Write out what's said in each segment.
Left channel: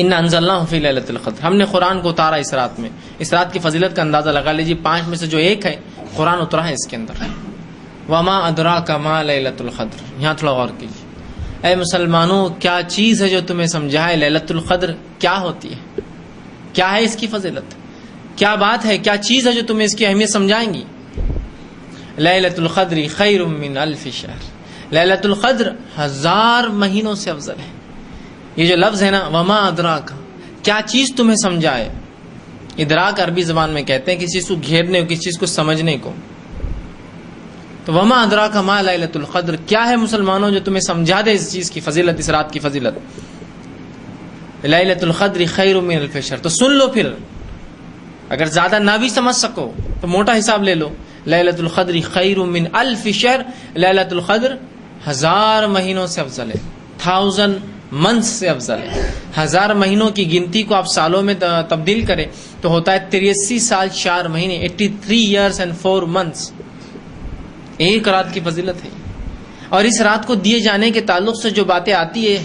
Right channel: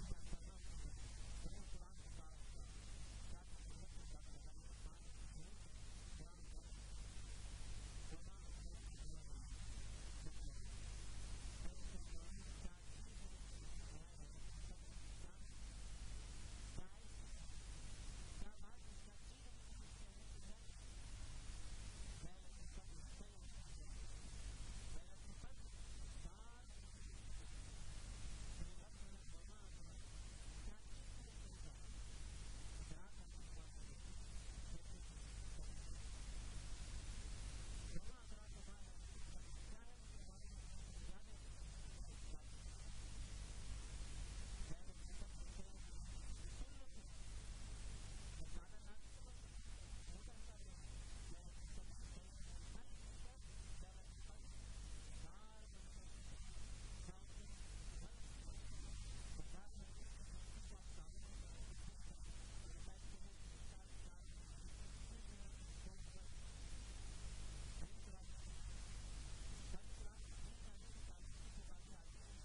ان انزلناہ فی لیلۃ القدر، ہم نے قرآن کو اتارا اس رات میں. اس رات کی فضیلت کا اندازہ لگا لیجیے، 5 میں سے جو ایک ہے قرآن اترا ہے اس کے اندر. وما ادراک ما لیلۃ القدر. یہاں تھوڑا غور کیجیے. اے مسلمانوں، کیا چیز ہے جو تمہیں سمجھائے لیلۃ القدر کیا ہوتی ہے، کیا ہے اس کی فضیلت، کیا بات ہے، کیا چیز ہے جو تمہیں اس کی اہمیت سمجھائیں گی. لیلۃ القدر خیر من الف شہر. لیلۃ القدر 1000 مہینوں سے افضل ہے. یہ جو لفظ ہے نا، وما ادراک، کیا چیز تمہیں سمجھائے. ادراک عربی زبان میں کہتے ہیں کسی چیز کو گھیرنے کو، کسی چیز کو سمجھنے کو. تو وما ادراک ما لیلۃ القدر، کیا ہے مسلمانوں جو تمہیں سمجھا دے اس چیز کی فضیلت، اس رات کی فضیلت. لیلۃ القدر خیر من الف شہر. تو سن لو پھر، اگر زیادہ نہ بھی سمجھ سکو تو موٹا حساب لے لو. لیلۃ القدر خیر من الف شہر. لیلۃ القدر 1000 مہینوں سے افضل ہے. 1000 منتھ سے افضل ہے. 1000 مہینوں کی گنتی کو آپ سالوں میں تبدیل کریں تو ہوتا ہے 83 سال 4 مہینے. 83 years and 4 months. ایک رات کی فضیلت ہے. اور اس رات کو دیے جانے کے تعلق سے جو باتیں آتی ہے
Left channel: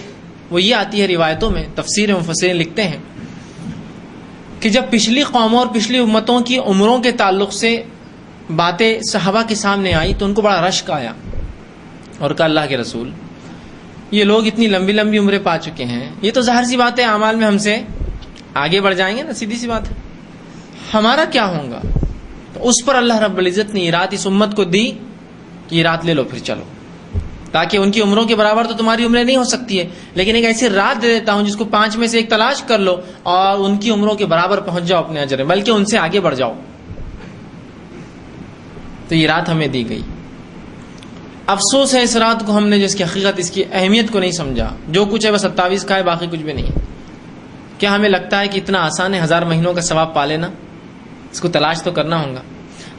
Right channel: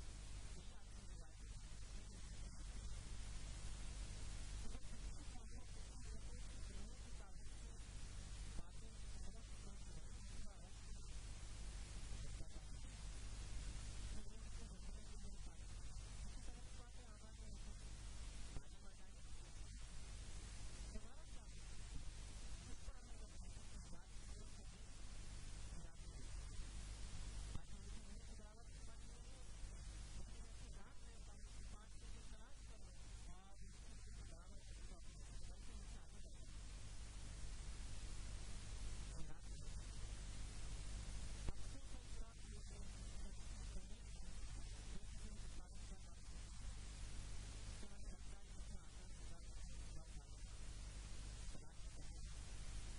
وہ یہ آتی ہے روایتوں میں. تفسیر مفسرین لکھتے ہیں کہ جب پچھلی قوموں اور پچھلی امتوں کی عمروں کے تعلق سے باتیں صحابہ کے سامنے آئی تو ان کو بڑا رشک آیا اور کہا اللہ کے رسول، یہ لوگ اتنی لمبی لمبی عمریں پا چکے ہیں، یہ تو ظاہر سی بات ہے اعمال میں ہم سے آگے بڑھ جائیں گے نا، سیدھی سی بات ہے، ہمارا کیا ہوگا. تو اس پر اللہ رب العزت نے یہ رات اس امت کو دی کہ یہ رات لے لو پھر چلو، تاکہ ان کی عمروں کے برابر تو تمہاری عمریں نہیں ہو سکتی ہے، لیکن ایک ایسی رات دے دیتا ہوں جس کو 5 میں سے ایک تلاش کر لو اور ان کی عمروں کے برابر پہنچ جاؤ اپنے اجر میں، بلکہ ان سے آگے بڑھ جاؤ. تو یہ رات ہمیں دی گئی. افسوس ہے اس رات کو ہم نے جس کی حقیقت، اس کی اہمیت کو نہیں سمجھا. جو کچھ ہے بس 27 کا ہے، باقی کچھ بھی نہیں. کیا ہمیں لگتا ہے کہ اتنا آسان ہے 1000 مہینوں کا ثواب پا لینا؟ اس کو تلاش تو کرنا ہوگا.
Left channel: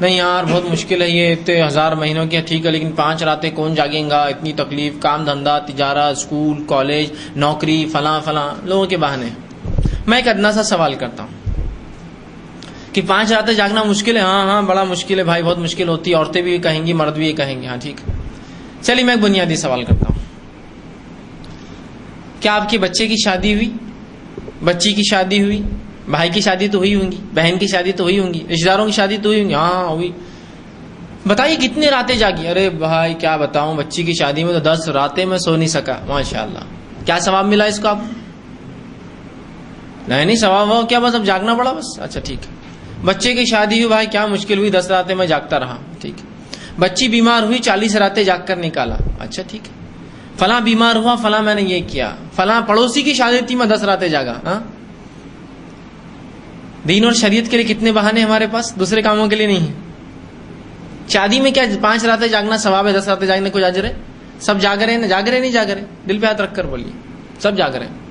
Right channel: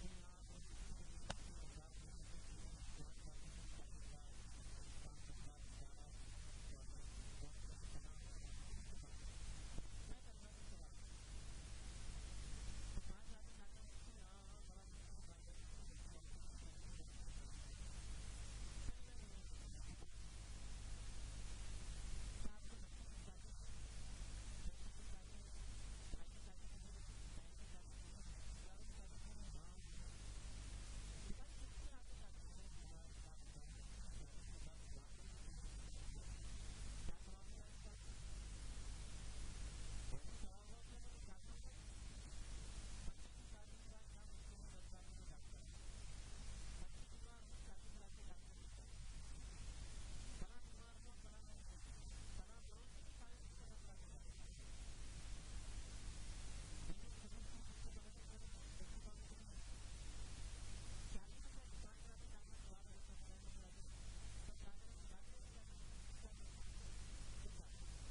نہیں یار بہت مشکل ہے یہ 1000 مہینوں کی، ٹھیک ہے لیکن 5 راتیں کون جاگیں گا، اتنی تکلیف، کام دھندا، تجارت، اسکول، کالج، نوکری، فلاں فلاں، لوگوں کے بہانے. میں ایک ادنا سا سوال کرتا ہوں کہ 5 راتیں جاگنا مشکل ہے؟ ہاں بڑا مشکل ہے بھائی، بہت مشکل ہوتی ہے. عورتیں بھی کہیں گی، مرد بھی کہیں گے. ہاں ٹھیک ہے. چلیے میں ایک بنیادی سوال کرتا ہوں. کیا آپ کے بچے کی شادی ہوئی، بچی کی شادی ہوئی، بھائی کی شادی تو ہوئی ہوں گی، بہن کی شادی تو ہوئی ہوں گی، رشتہ داروں کی شادی تو ہوئی ہوں گی؟ ہاں ہوئی. بتائیے کتنی راتیں جاگی؟ ارے بھائی کیا بتاؤں، بچی کی شادی میں تو 10 راتیں میں سو نہیں سکا. ماشاءاللہ. کیا ثواب ملا اس کو آپ؟ نہیں ثواب ہو کیا، بس اب جاگنا پڑا بس. اچھا ٹھیک ہے. بچے کی شادی ہوئی، بھائی کیا مشکل ہوئی، 10 راتیں میں جاگتا رہا. ٹھیک ہے. بچی بیمار ہوئی، 40 راتیں جاگ کر نکالا. اچھا ٹھیک ہے. فلاں بیمار ہوا، فلاں میں نے یہ کیا، فلاں پڑوسی کی شادی تھی میں 10 راتیں جاگا. ہاں دین اور شریعت کے لیے کتنے بہانے ہمارے پاس، دوسرے کاموں کے لیے نہیں ہے. شادی میں کیا 5 راتیں جاگنا ثواب ہے، 10 راتیں جاگنے کو اجر ہے؟ سب جاگ رہے ہیں، جاگ رہے نہیں جاگ رہے؟ دل پہ ہاتھ رکھ کر بولیے سب جاگ رہے ہیں.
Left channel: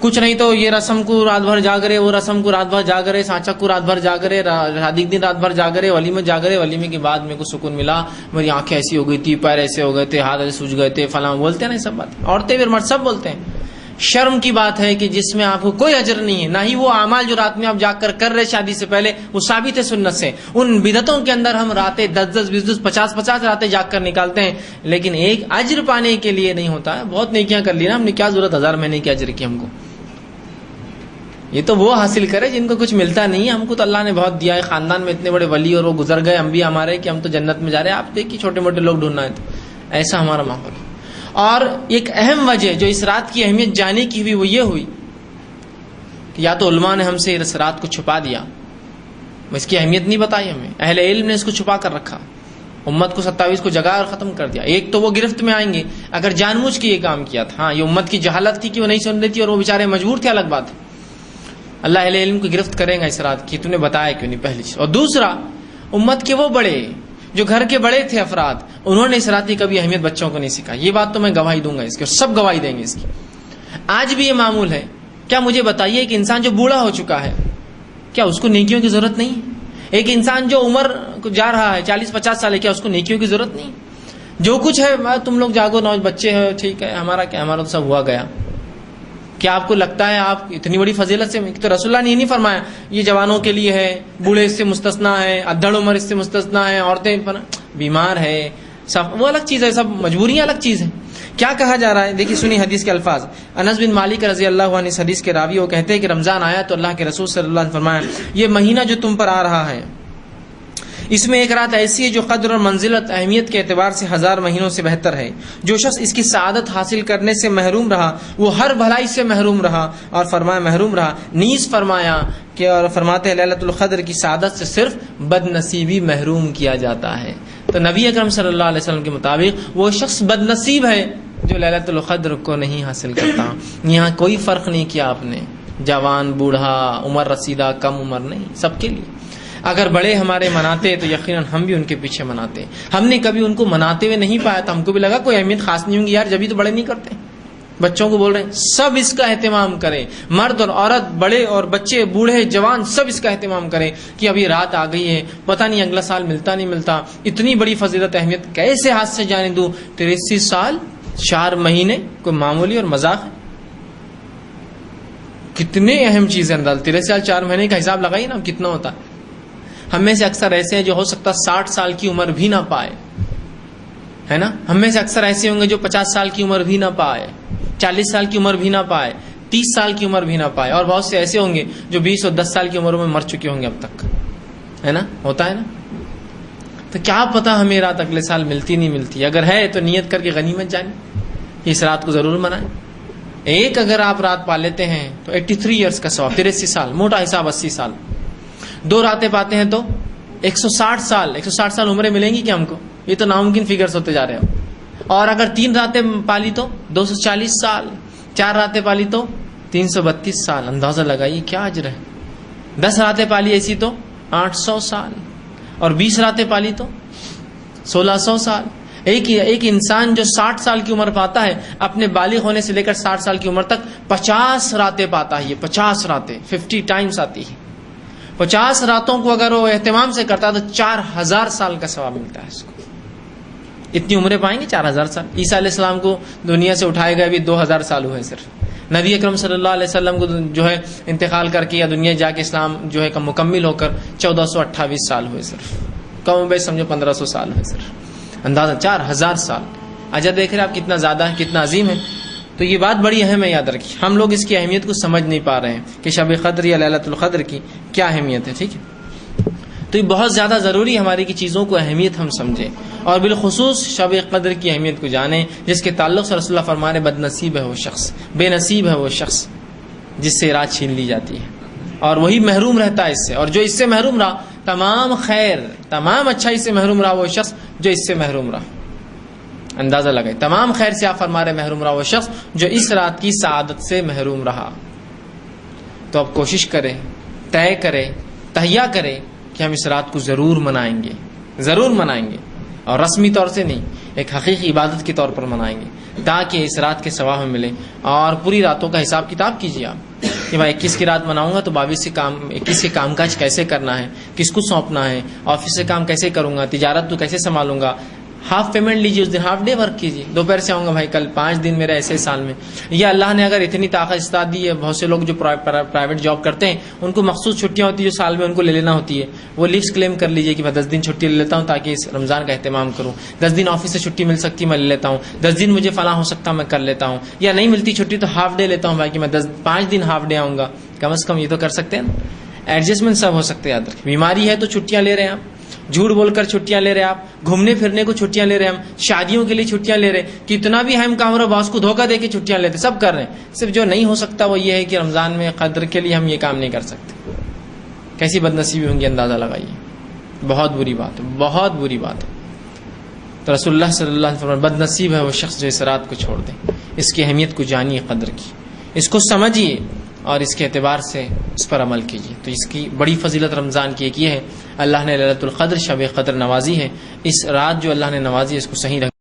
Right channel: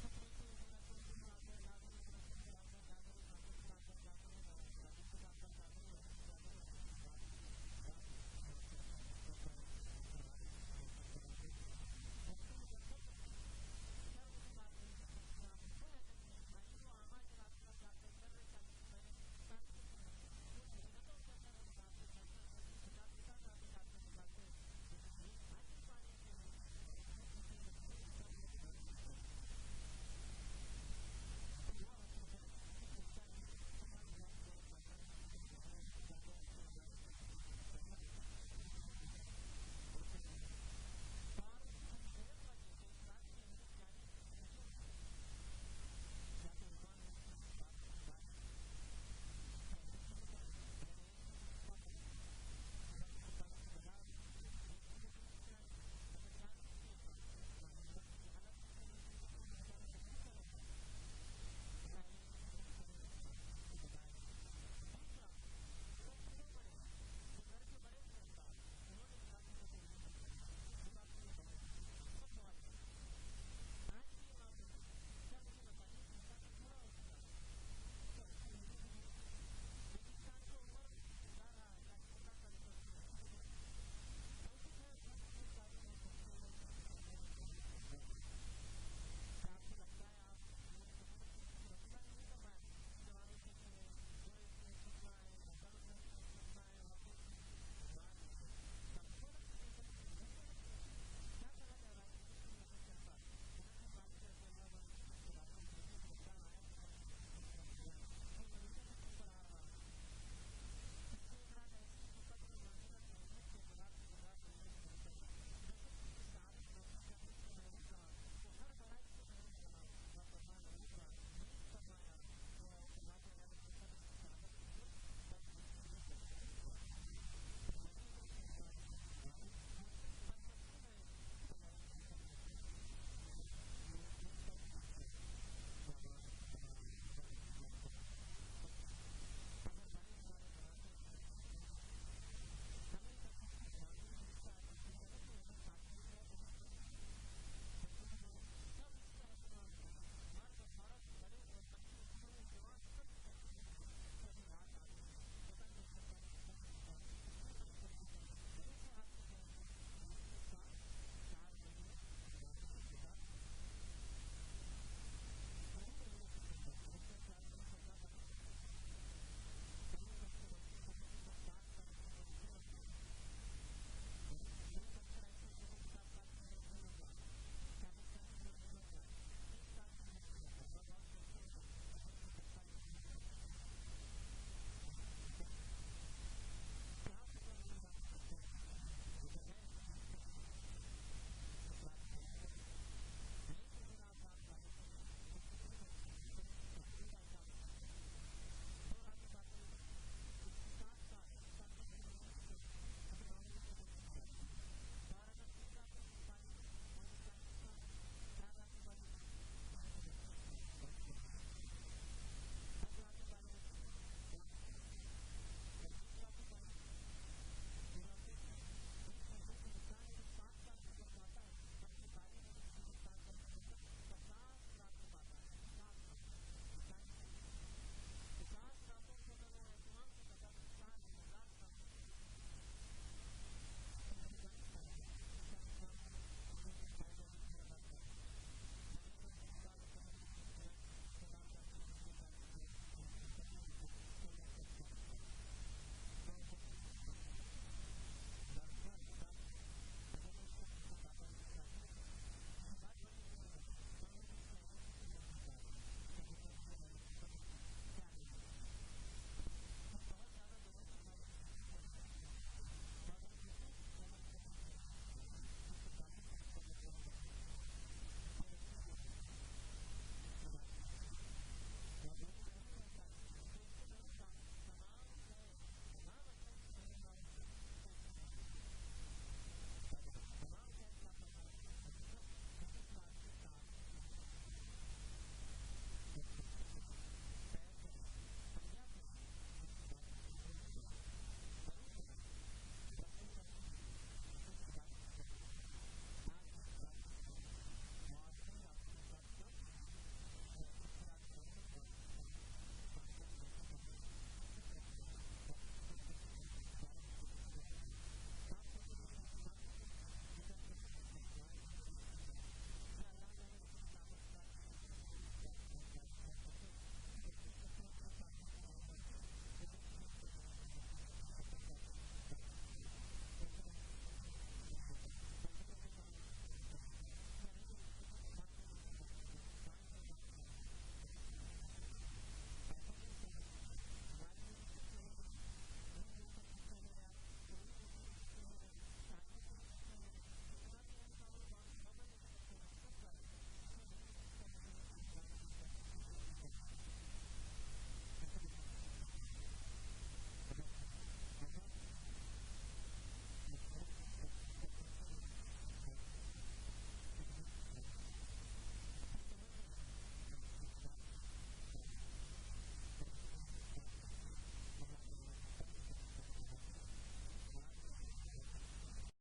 کچھ نہیں تو یہ رسم کو رات بھر جاگ رہے، وہ رسم کو رات بھر جاگ رہے، سانچا کو رات بھر جاگ رہے، شادی کے دن رات بھر جاگ رہے، ولیمے جاگ رہے، ولیمے کے بعد میرے کو سکون ملا، میری آنکھیں ایسی ہو گئی تھی، پیر ایسے ہو گئے تھے، ہاتھ ایسے سوج گئے تھے، فلاں بولتے ہیں نا. سب بات عورتیں بھی مرد سب بولتے ہیں. شرم کی بات ہے کہ جس میں آپ کو کوئی اجر نہیں ہے، نہ ہی وہ اعمال جو رات میں آپ جاگ کر رہے شادی سے پہلے وہ ثابت ہے سنت سے. ان بدعتوں کے اندر ہم راتیں 10 20 50 راتیں جاگ کر نکالتے ہیں، لیکن ایک اجر پانے کے لیے نہیں ہوتا ہے. بہت نیکیاں کر لی نا ہم نے، کیا ضرورت 1000 مہینے کی اجر کی ہم کو. یہ تو وہ حاصل کرے جن کو کچھ ملتا نہیں ہے. ہم کو تو اللہ نے بہت دیا ہے، خاندان میں اتنے بڑے ولی اور وہ گزر گئے انبیاء ہمارے کہ ہم تو جنت میں جا رہے ہیں. آپ دیکھیے چھوٹے موٹے لوگ ڈھونڈنا ہے، تو ایسا ہمارا ماحول ہے. اور ایک اہم وجہ جو اس رات کی اہمیت جانے کی ہوئی وہ یہ ہوئی کہ یا تو علماء نے ہم سے اس رات کو چھپا دیا، اس کی اہمیت نہیں بتائی ہمیں، اہل علم نے اس کو چھپا کر رکھا، امت کو 27 کو جگا اور ختم کر دیا. ایک تو وہ گرفت میں آئیں گے اگر جان بوجھ کے یہ کام کیا تھا. ہاں یہ امت کی جہالت تھی کہ وہ نہیں سن رہی تھی اور وہ بیچارے مجبور تھے، الگ بات ہے. اللہ اہل علم کو گرفت کرے گا اس رات کی، تو نے بتایا کیوں نہیں، پہلی چیز. اور دوسرا امت کے وہ بڑے جو گھر کے بڑے تھے افراد، انہوں نے اس رات کی کبھی اہمیت بچوں کو نہیں سکھائی. یہ بات تو میں گواہی دوں گا اس کی، اور سب گواہی دیں گے اس کی. آج بھی یہ معمول ہے. کیا مجھے بتائیے کہ انسان جو بوڑھا ہو چکا ہے کیا اس کو نیکیوں کی ضرورت نہیں ہے؟ ایک انسان جو عمر کو جا رہا ہے 40-50 سال ہے، کیا اس کو نیکیوں کی ضرورت نہیں؟ جو کچھ ہے تم لوگ جاگو، بچے ہیں ٹھیک ہے، ہمارا کیا، ہمارا تو سب ہوا گیا. کیا آپ کو لگتا ہے آپ اتنی بڑی فضیلت سے؟ تو رسول اللہ نے یہ نہیں فرمایا یہ جوانوں کے لیے ہے، بوڑھے اس سے مستثنا ہے، ادھڑ عمر اس سے مستثنا ہے، عورتیں بیمار ہے، سب وہ الگ چیز ہے، سب مجبوریاں الگ چیز ہے. کیا کہا جا رہا ہے؟ دیکھیے سنی حدیث کے الفاظ. انس بن مالک رضی اللہ عنہ اس حدیث کے راوی وہ کہتے ہیں کہ رمضان آیا تو اللہ کے رسول صلی اللہ علیہ وسلم فرمایا یہ مہینہ جو تم پر آ رہا ہے اس میں ایک رات ایسی ہے جو قدر اور منزلت اہمیت کے اعتبار سے 1000 مہینوں سے بہتر ہے. جو شخص اس کی سعادت حاصل کرنے سے محروم رہا وہ ہر بھلائی سے محروم رہا. اور فرمایا محروم رہا نیز فرمایا کہ اور فرماتے ہیں لیلۃ القدر کی سعادت سے صرف بد نصیبی محروم کیا جاتا ہے. تو نبی اکرم صلی اللہ علیہ وسلم کے مطابق وہ شخص بد نصیب ہے جو لیلۃ القدر کو نہیں حاصل کرتا. یہاں کوئی فرق نہیں کیا آپ نے، جوان بوڑھا عمر رسیدہ کم عمر نہیں، سب کے لیے. اگر بڑے ہمارے مناتے تو یقیناً ہم بھی ان کے پیچھے مناتے. ہم نے کبھی ان کو مناتے ہوئے نہیں پایا تو ہم کو بھی لگا کوئی اہمیت خاص نہیں ہوں گی یار، جبھی تو بڑے نہیں کرتے. بچوں کو بول رہے ہیں سب اس کا اہتمام کریں، مرد اور عورت، بڑے اور بچے، بوڑھے جوان، سب اس کا اہتمام کریں کہ ابھی رات آ گئی ہے، پتہ نہیں اگلا سال ملتا نہیں ملتا. اتنی بڑی فضیلت اہمیت کیسے ہاتھ سے جانے دوں؟ 83 سال 4 مہینے کوئی معمولی اور مذاق ہے؟ کتنے اہم چیزیں انداز. 83 سال 4 مہینے کا حساب لگائیے نا کتنا ہوتا ہے. ہم میں سے اکثر ایسے ہیں جو ہو سکتا 60 سال کی عمر بھی نہ پائے، ہے نا. ہم میں سے اکثر ایسے ہوں گے جو 50 سال کی عمر بھی نہ پائے، 40 سال کی عمر بھی نہ پائے، 30 سال کی عمر بھی نہ پائے. اور بہت سے ایسے ہوں گے جو 20 اور 10 سال کی عمر میں مر چکے ہوں گے اب تک، ہے نا. ہوتا ہے نا. تو کیا پتا ہمیں رات اگلے سال ملتی نہیں ملتی. اگر ہے تو نیت کر کے غنیمت جانی، اس رات کو ضرور منائیں. ایک اگر آپ رات پا لیتے ہیں تو 83 ایئرس کا ثواب، 83 سال موٹا حساب 80 سال. 2 راتیں پاتے ہیں تو 160 سال. 160 سال عمریں ملیں گی کیا ہم کو؟ یہ تو ناممکن فگرز ہوتے جا رہے ہیں. اور اگر 3 راتیں پالی تو 240 سال، 4 راتیں پالی تو 332 سال. اندازہ لگائیے کیا اجر ہے. 10 راتیں پالی ایسی تو 800 سال، اور 20 راتیں پالی تو 1600 سال. ایک انسان جو 60 سال کی عمر پاتا ہے اپنے بالغ ہونے سے لے کر 60 سال کی عمر تک 50 راتیں پاتا ہے. یہ 50 راتیں 50 ٹائمز آتی ہے. 50 راتوں کو اگر وہ اہتمام سے کرتا ہے تو 4000 سال کا ثواب ملتا ہے اس کو. اتنی عمریں پائیں گے 4000 سال. عیسیٰ علیہ السلام کو دنیا سے اٹھائے گئے بھی 2000 سال ہوئے صرف. نبی اکرم صلی اللہ علیہ وسلم کو جو ہے انتقال کر کے یا دنیا جا کے اسلام جو ہے مکمل ہو کر 1428 سال ہوئے صرف. کم بیش سمجھو 1500 سال ہوئے صرف. اندازہ 4000 سال. اجر دیکھ رہے آپ کتنا زیادہ ہے، کتنا عظیم ہے. تو یہ بات بڑی اہم ہے، یاد رکھیے. ہم لوگ اس کی اہمیت کو سمجھ نہیں پا رہے ہیں کہ شب قدر یا لیلۃ القدر کی کیا اہمیت ہے. ٹھیک ہے. تو یہ بہت زیادہ ضروری ہماری کی چیزوں کو اہمیت ہم سمجھیں، اور بالخصوص شب قدر کی اہمیت کو جانیں، جس کے تعلق سے رسول اللہ فرمانے بد نصیب ہے وہ شخص، بے نصیب ہے وہ شخص جس سے رات چھین لی جاتی ہے، اور وہی محروم رہتا ہے اس سے. اور جو اس سے محروم رہا تمام خیر تمام اچھائی سے محروم رہا وہ شخص جو اس سے محروم رہا. اندازہ لگائے تمام خیر سے آپ فرما رہے محروم رہا وہ شخص جو اس رات کی سعادت سے محروم رہا. تو اب کوشش کریں، طے کریں، تہیہ کریں کہ ہم اس رات کو ضرور منائیں گے، ضرور منائیں گے. اور رسمی طور سے نہیں، ایک حقیقی عبادت کے طور پر منائیں گے تاکہ اس رات کے ثواب ہمیں ملے. اور پوری راتوں کا حساب کتاب کیجیے آپ کہ بھائی 21 کی رات مناؤں گا تو 21 کے کام کاج کیسے کرنا ہے، کس کو سونپنا ہے، آفس سے کام کیسے کروں گا، تجارت تو کیسے سنبھالوں گا. ہاف پیمنٹ لیجیے اس دن، ہاف ڈے ورک کیجیے. دوپہر سے آؤں گا بھائی کل 5 دن میرے ایسے سال میں. یا اللہ نے اگر اتنی طاقت استعداد دی ہے، بہت سے لوگ جو پرائیویٹ جاب کرتے ہیں ان کو مخصوص چھٹیاں ہوتی ہیں جو سال میں ان کو لے لینا ہوتی ہے. وہ لیوز کلیم کر لیجیے کہ میں 10 دن چھٹی لے لیتا ہوں تاکہ اس رمضان کا اہتمام کروں. 10 دن آفس سے چھٹی مل سکتی ہے میں لے لیتا ہوں. 10 دن مجھے فلاں ہو سکتا میں کر لیتا ہوں. یا نہیں ملتی چھٹی تو ہاف ڈے لیتا ہوں بھائی کہ میں 5 دن ہاف ڈے آؤں گا. کم از کم یہ تو کر سکتے ہیں نا. ایڈجسٹمنٹ سب ہو سکتے ہیں. یاد رکھیں بیماری ہے تو چھٹیاں لے رہے ہیں آپ، جھوٹ بول کر چھٹیاں لے رہے ہیں آپ، گھومنے پھرنے کو چھٹیاں لے رہے ہیں ہم، شادیوں کے لیے چھٹیاں لے رہے ہیں، کتنا بھی اہم کام رہا باس کو دھوکہ دے کے چھٹیاں لیتے، سب کر رہے ہیں. صرف جو نہیں ہو سکتا وہ یہ ہے کہ رمضان میں قدر کے لیے ہم یہ کام نہیں کر سکتے. کیسی بد نصیبی ہوں گی اندازہ لگائیے. بہت بری بات ہے، بہت بری بات ہے. تو رسول اللہ صلی اللہ علیہ وسلم بد نصیب ہے وہ شخص جو اس رات کو چھوڑ دے. اس کی اہمیت کو جانیے، قدر کی، اس کو سمجھیے اور اس کے اعتبار سے اس پر عمل کیجیے. تو اس کی بڑی فضیلت رمضان کی ایک یہ ہے اللہ نے لیلۃ القدر شب قدر نوازی ہے. اس رات جو اللہ نے نوازی ہے اس کو صحیح رکھ